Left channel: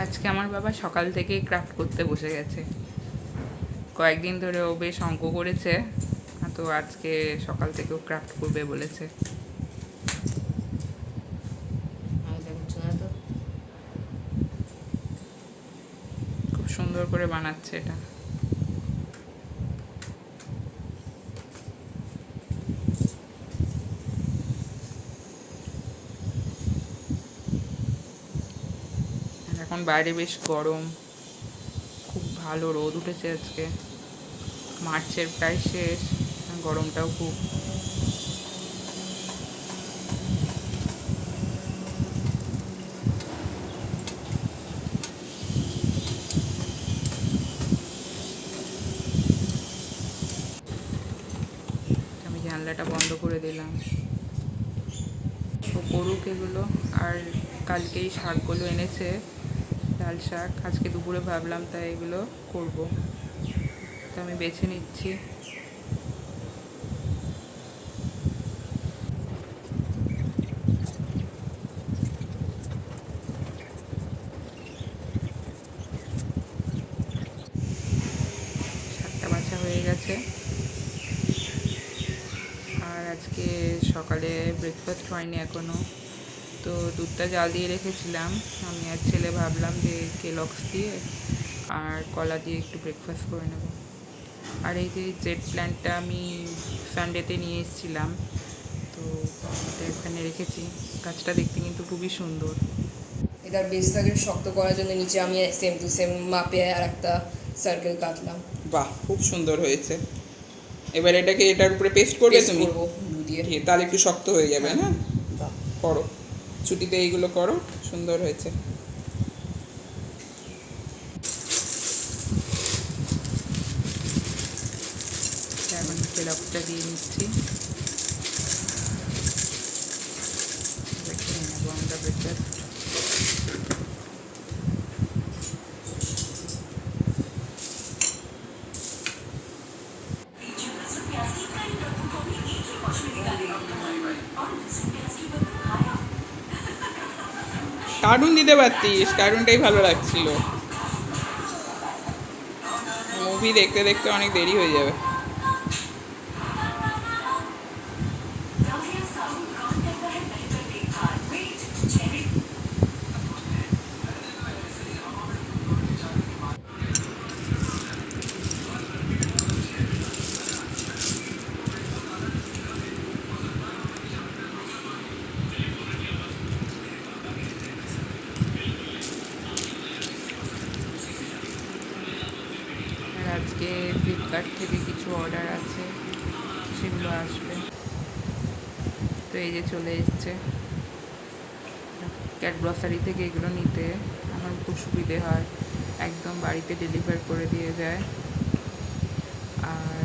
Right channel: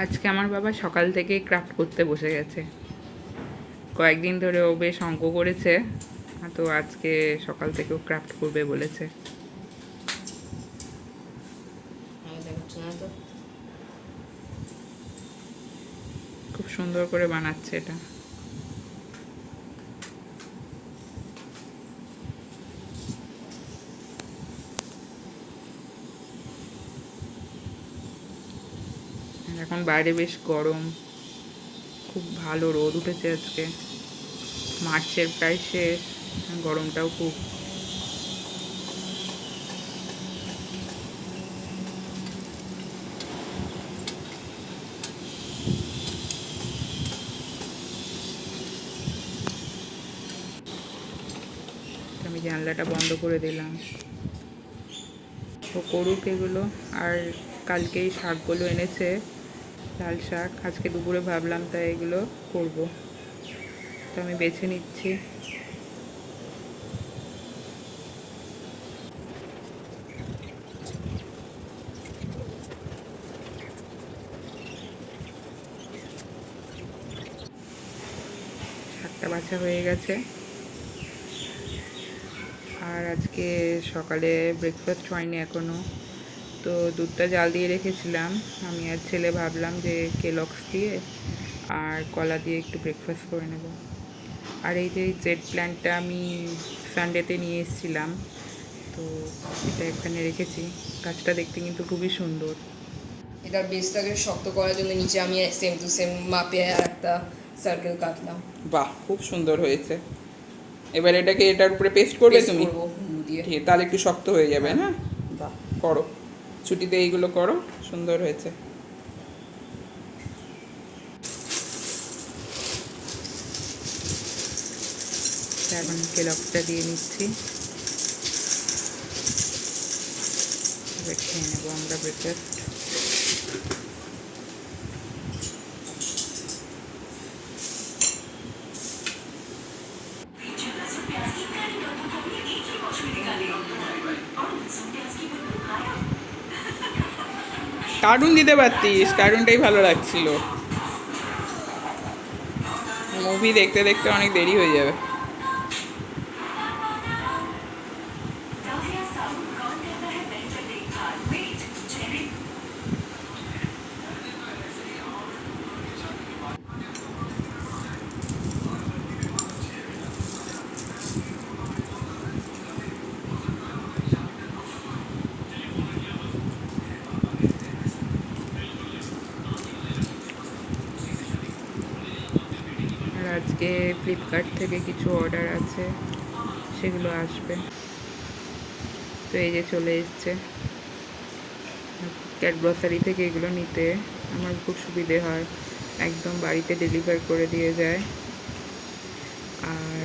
আজকে আমার বাবা সকাল থেকেই ক্রাফট করতে বসে গেছে। কয়েকদিন ধরে ও বেশ অঙ্ক করেছে, তো আজকে সকাল থেকেও ক্রাফট করবে বলেছে। খুব সুন্দর করে বানাচ্ছে এটা। এখন বাইরে বেশ গরম, খুব ভালো রোদ উঠেছে আজকে। মার্চের প্রায় শেষ, গরমটাও খুব। আমি জানলাটা বন্ধ করে দিলাম। ও করুক এগুলো। আর কালকেই শাকগুলো এনেছে, লাল শাক। আজকে দুপুরে ভাবলাম তাই এগুলো করব, তো আমি বেছে নিচ্ছি। শাকটা বাছা হয়ে গেছে। আর আজকে সকালে ব্রেকফাস্ট হয়নি এখনও, তো দুধটা জাল দিয়ে রেখেছিলাম। আমি আর ছেলে ভাবলাম যে কেলগস দিয়ে আর কলা দিয়ে একটু ব্রেকফাস্ট করে নেব। আর এই যে জেট প্ল্যান্টটা আমি সানডেতে নিয়ে এসেছিলাম, তো এটা এখানে রেখেছি। গাছটা দেখতে কিন্তু খুবই সুন্দর। এটার বেসটাকে শক্ত করার জন্য নিচে আমি সেম টু সেম মাপে আর একটা সার্কেল কাটলাম। বাহ, খুব সুন্দর হয়েছে। এবার এটাকে এটার উপরে পেস্ট করবে তুমি? করবো গ্লু দিয়ে। ঠিক, তাহলে একটু শক্ত হয়ে যাবে। হ্যাঁ। না, বাহ, করো, ছুটিতে এইগুলো করো, সুন্দর হয়েছে। এখন কেলগসটা দিয়ে নিচ্ছি, খেয়ে নেবো আমরা ব্রেকফাস্ট। কার্টুন দিতে পারতিস, কার্টুনটাই ভালো লাগছিল। মুভি দেখতে দেখতে অনেক দেরি হয়ে যাবে। আর আজকে ফ্লিপকার্ট থেকে কিছু অর্ডার আছে, সেগুলো আসবে। তো এই যে চলে এসছে। ক্যাট গ্রসারি থেকে এগুলো নিতে আমার খুব সুবিধে হয়, একদম বাড়িতে ডেলিভার করে দিয়ে যায়। আর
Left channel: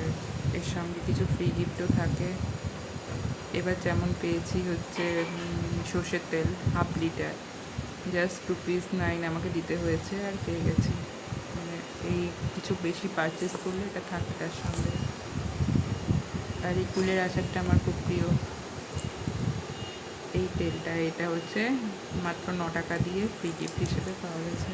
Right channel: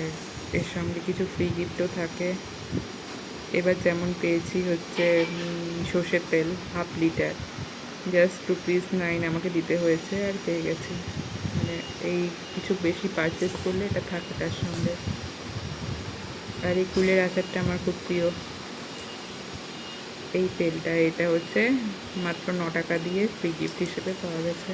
এর সঙ্গে কিছু ফ্রি গিফটও থাকে। এবার যেমন পেয়েছি হচ্ছে সর্ষের তেল 1/2 লিটার, জাস্ট ₹9 আমাকে দিতে হয়েছে, আর পেয়ে গেছি। মানে এই কিছু বেশি পারচেস করলে এটা থাকে তার সঙ্গে। আর এই কুলের আচারটা আমার খুব প্রিয়। এই তেলটা, এটা হচ্ছে মাত্র 9 টাকা দিয়ে ফ্রি গিফট হিসেবে পাওয়া গেছে।